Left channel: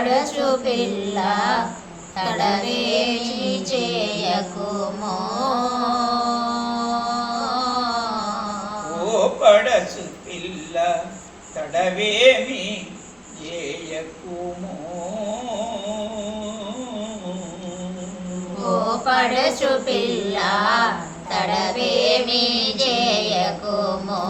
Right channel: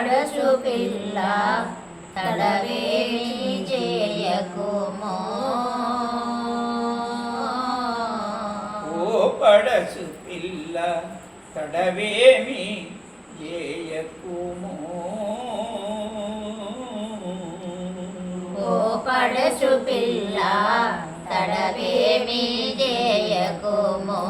పడసు పిల్ల తడవేమి చేయకుమో ఓ పడసు పిల్ల తడవేమి చేయకుమో ఓ పడసు పిల్ల తడవేమి చేయకుమో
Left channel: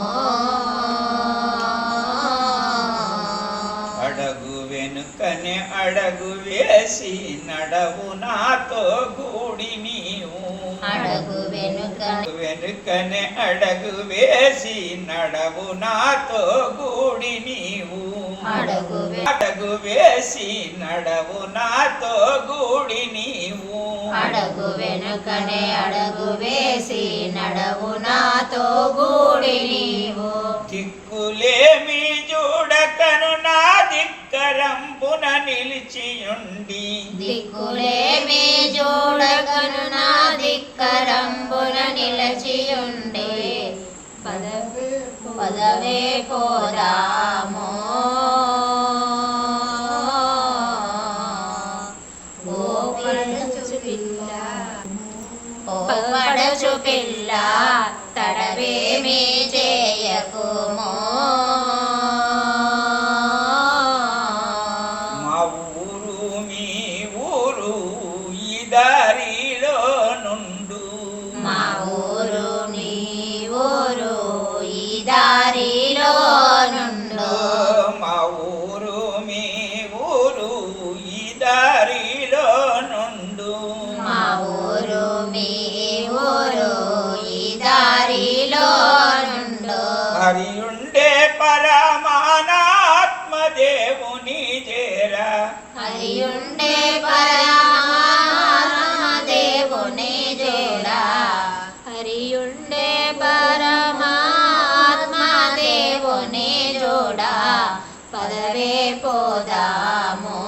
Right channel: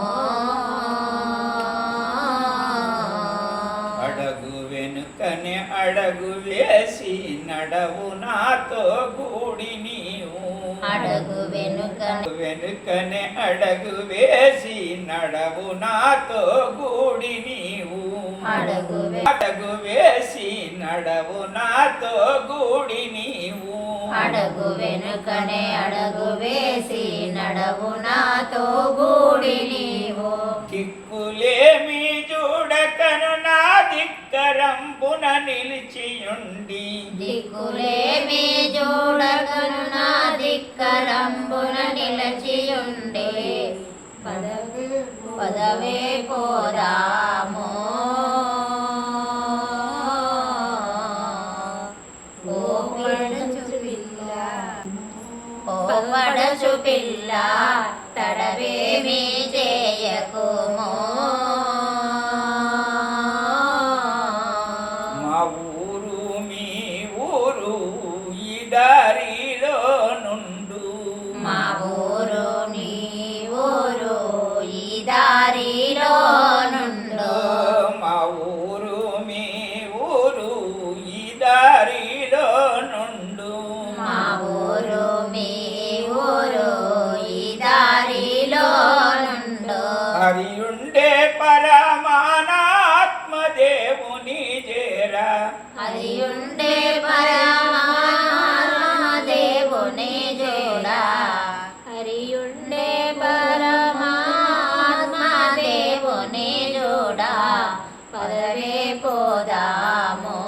అడగు వేసి నడవు నాతో కూడి నీవు. అడగు వెనుక వెనుకనే అడగు వేసి నడవు నాతో కూడి నీవు. అడగు అడగు వేసి నడవు నాతో కూడి నీవు. అడగు వెనుకనే అడగు వేసి నడవు నాతో గూడి నీవు. నిలిచియుండి దిక్కులేమి చూడగను నా దిక్కరంబున నిలచియుండే పదవే పోదామో ఓ పడచు పిల్ల ఓ పడచు పిల్ల తడవేమి చేయకుమో ஊருமே అది ఉండే పరమాత్మ దేవుని జోడా హరి ఉండే పరమాత్మ దేవుని జోడా పదవే పోదాము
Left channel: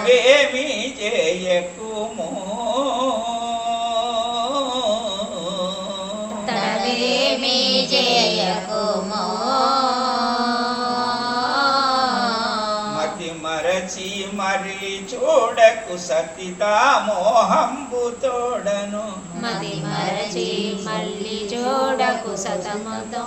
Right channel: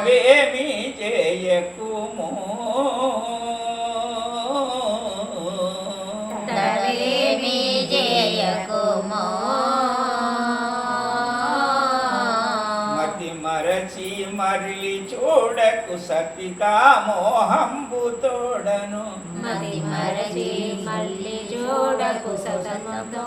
తడవేమి చేయకుము? తడవేమి చేయకుమో? మతి మరచి మరలి చూడకు సతితా మోహంబు తోడను. మది మరచి మళ్ళీ చూడకు సతంతో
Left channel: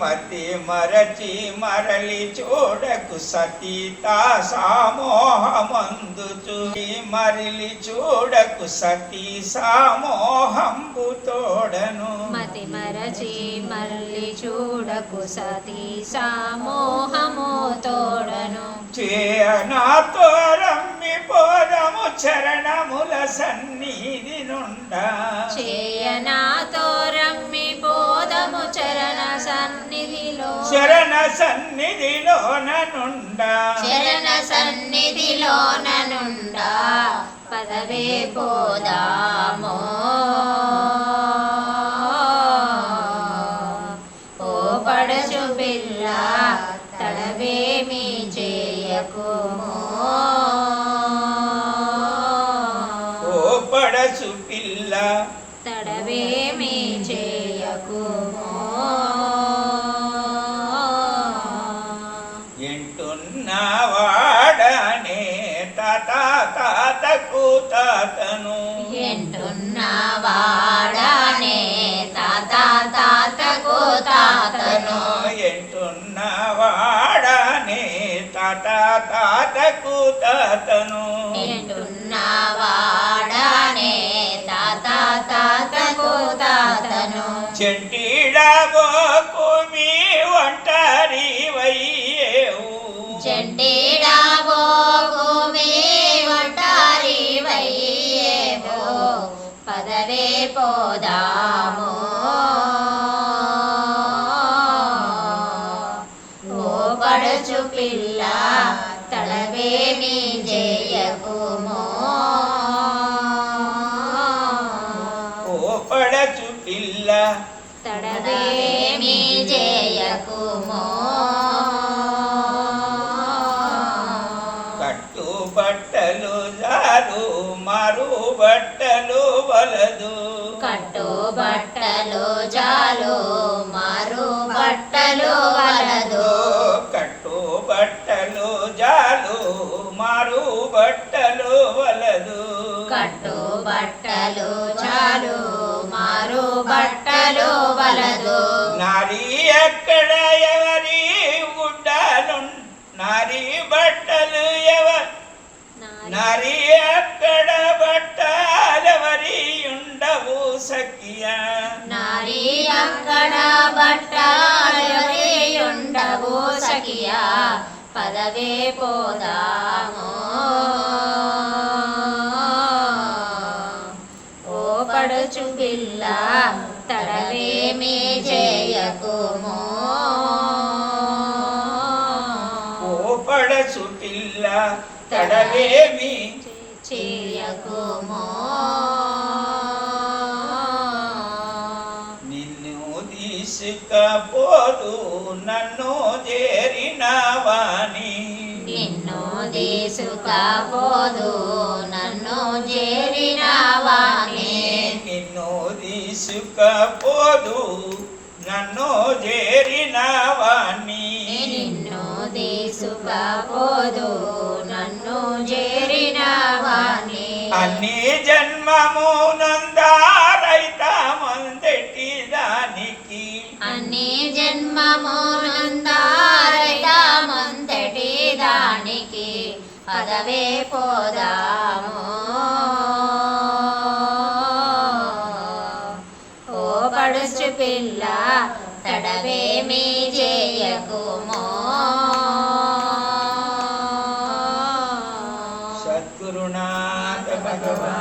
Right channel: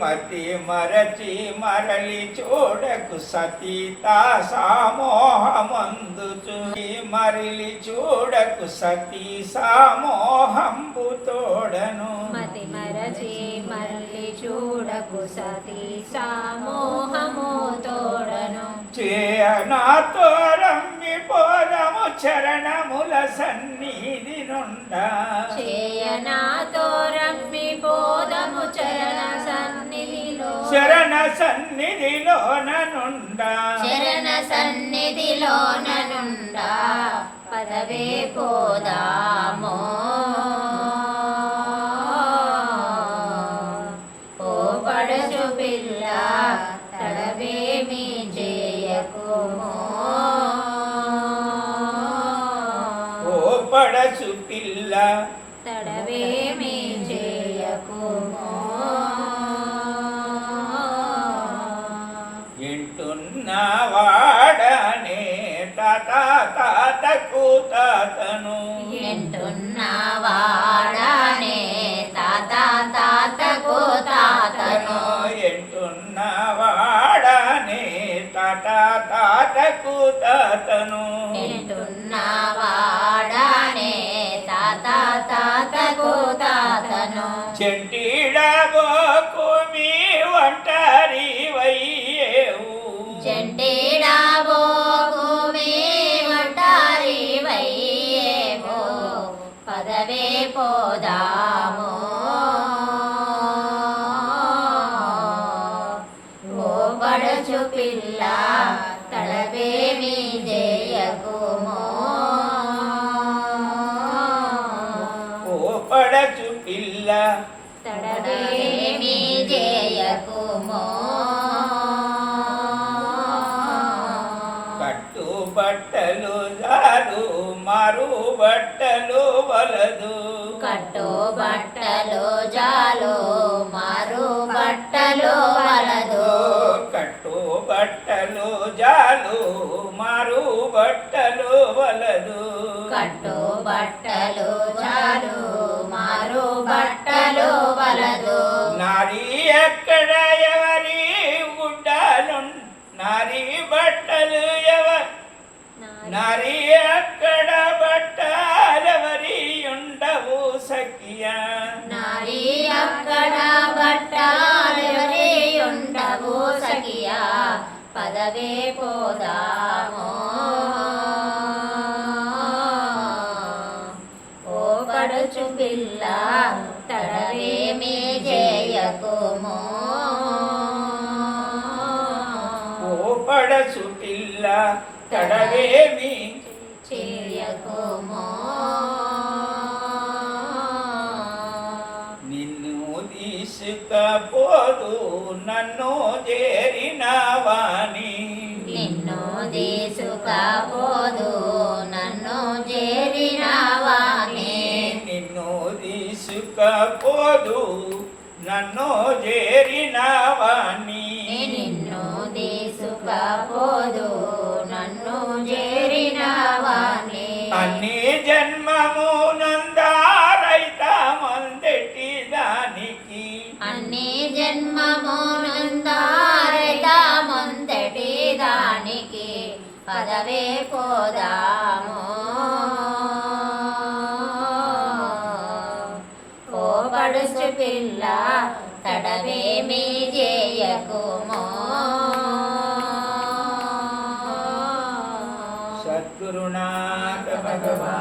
మతి మరచి మరలి చూడకు సతీతా సామోహమందు చూచి మరలి చూడకు సతీ సామోహంబు తోడను. మతి మరచి మళ్ళీ చూడకు సతీ సామోహము తోడను. చేయనాతో రమ్మి పోదము చరణముల సన్నిధి నుండా చేయనాతో శరణ సన్నిధిలోన నుండా. చరణ సన్నిధిలోన నుండా పదవే పోదామో. ఓ పడచు పిల్ల తడవేమి చేయకుమో. ఓ పడసు పిల్ల తాత తాతకు తాతను. ఎంటున్న వాడనే తాత తాతకు తాతను. తాత తాతకు తాతను. ఎంటున్న పడచు పిల్ల తడవేమి జయకుమో పడచు పిల్ల తడవేమి జయకుమో కట్టు బట్టలు జారు మారు బట్టలు వలదు కట్టు బట్టలు జాలు మారు బట్టలు వలదు బట్టలు మారు బట్టలు వలదు. కట్టు బట్టలు చాలు మారు బట్టలు వలదు. నారీ ఎక్కడ ఎవరి గుడ్డలు నారీ బట్టలు ఎవరి నారీ అక్కడ బట్టలెవరి ఉండవు సఖియా. నారీ అక్కడ బట్టలెవరి పదవే పోదాము. ఓ పడుచు పిల్ల తడవేమి చేయకుమో ఓ పడసు పిల్ల తడవేమి చేయకుమో నిన్ను తీసుకపోదు నన్ను చేరిన వాణి తీసుకపోదు నన్ను చేరిన వాణి నిన్ను తీసుకపోదు నన్ను చేరిన వాణి నిన్ను తీసుకపోదు నన్ను చేరిన వాణి అన్ని జన్మము పోదాము? ఓ పడుచు పిల్ల తడవేమి చేయకుమో సద్గురునాథ భగవాన్.